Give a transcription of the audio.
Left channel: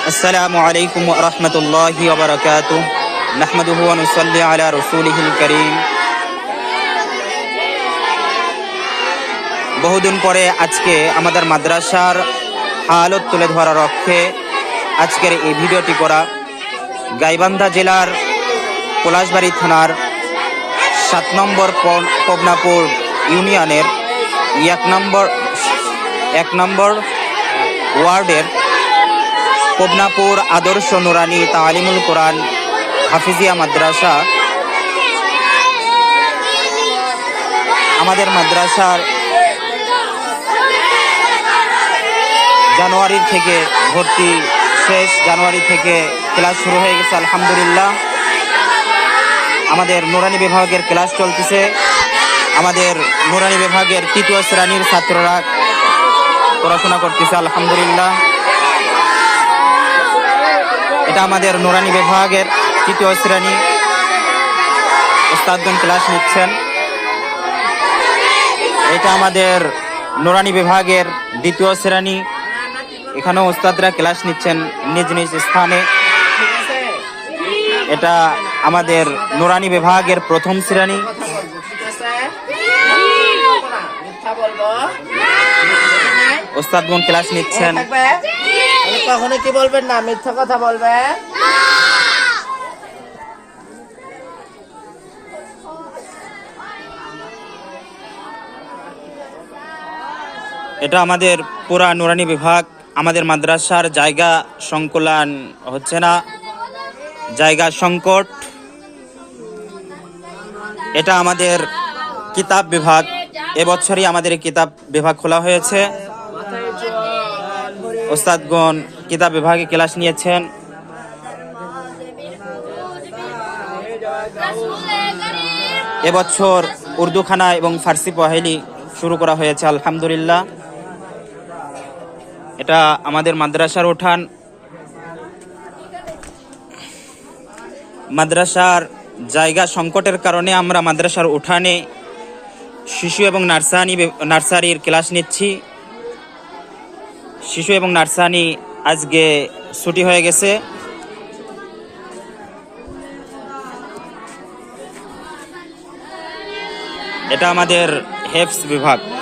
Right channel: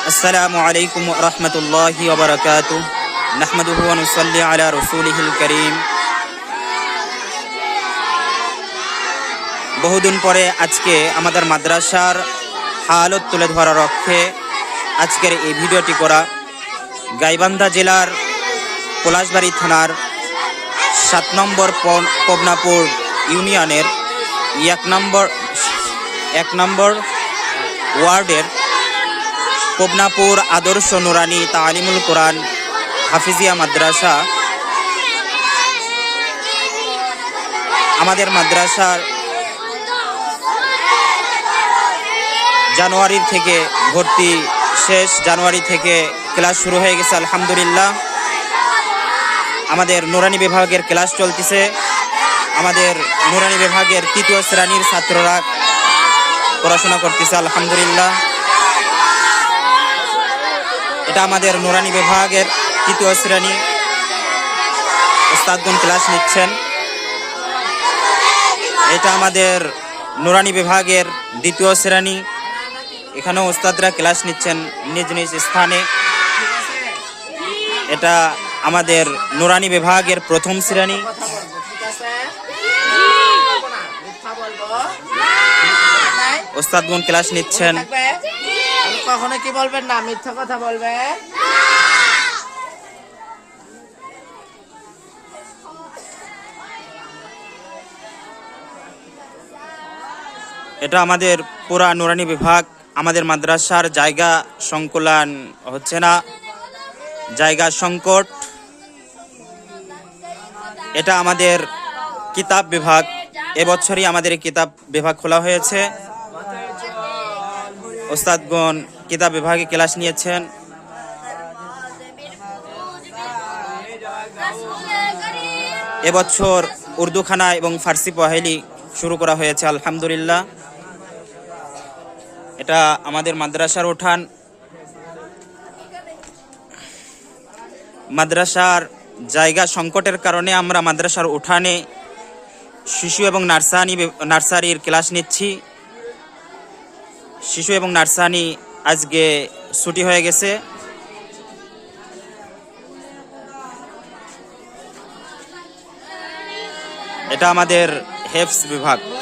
আসসালামু আলাইকুম ওয়া রাহমাতুল্লাহি ওয়া বারাকাতুহু নাহমাদুহু ওয়া নুসাল্লি আলা রাসূলিহিল কারীম। বহুদিন পরে আজকে আমাদের মাদ্রাসার হালত তুলে ধরার লক্ষ্যে আজকের এই ভিডিওটি করা। গাইবান্ধা জেলার পলাশবাড়ি থানার ৭ নম্বর পবনাপুর ইউনিয়নের ১ নম্বর ওয়ার্ডের পবনাপুর আদর্শ নুরানি তালিমুল কোরআন হাফিজিয়া মাদ্রাসা। আমাদের মাদ্রাসার জানুয়ারির থেকে ভর্তি শেষ, জানুয়ারি থেকে ক্লাস শুরু হয়ে গেছে আলহামদুলিল্লাহ। আমাদের নুরানি বিভাগের ক্লাস চলতেছে। আমাদের নুরানি বিভাগের ৩য় শ্রেণীর ছাত্ররা পড়াশোনা করতেছে আলহামদুলিল্লাহ। এটা আমাদের নুরানি বিভাগের ৩য় শ্রেণী, ওস্তাদগণ ক্লাস নিচ্ছেন। এটা আমাদের নুরানি বিভাগের ২য় শ্রেণী, এখানেও ওস্তাদরা ক্লাস নিচ্ছেন নিজ নিজ স্থানে। এটা আমাদের নুরানি বিভাগের ১ম শ্রেণী। ওস্তাদগণ ক্লাস নিচ্ছেন। কখনো কি বলবেন না, মিথ্যা কথা বলবেন। এটা আমাদের পুরা নুরানি বিভাগ। আমাদের মাদ্রাসার জায়গা সংকুলান হচ্ছে না, জায়গা সংকট। এটা আমাদের কিতাব বিভাগ, এবছরই আমাদের কিতাব বিভাগ খোলা হয়েছে। ওস্তাদগণ কিতাব বিভাগে ক্লাস নিয়েছেন। এবছর উর্দুখানা এবং ফার্সি পহেলি শুরু করা হয়েছে আলহামদুলিল্লাহ। এটা আমাদের মাদ্রাসার উঠান। মাদ্রাসার জায়গা সংকটের কারণে আমরা মাদ্রাসার উঠানে শিশু এবং নার্সারির ক্লাস নিচ্ছি। শিশু এবং নার্সারি আজকে ছুটি হয়ে গেছে। এটা আমাদের হেফজ বিভাগ।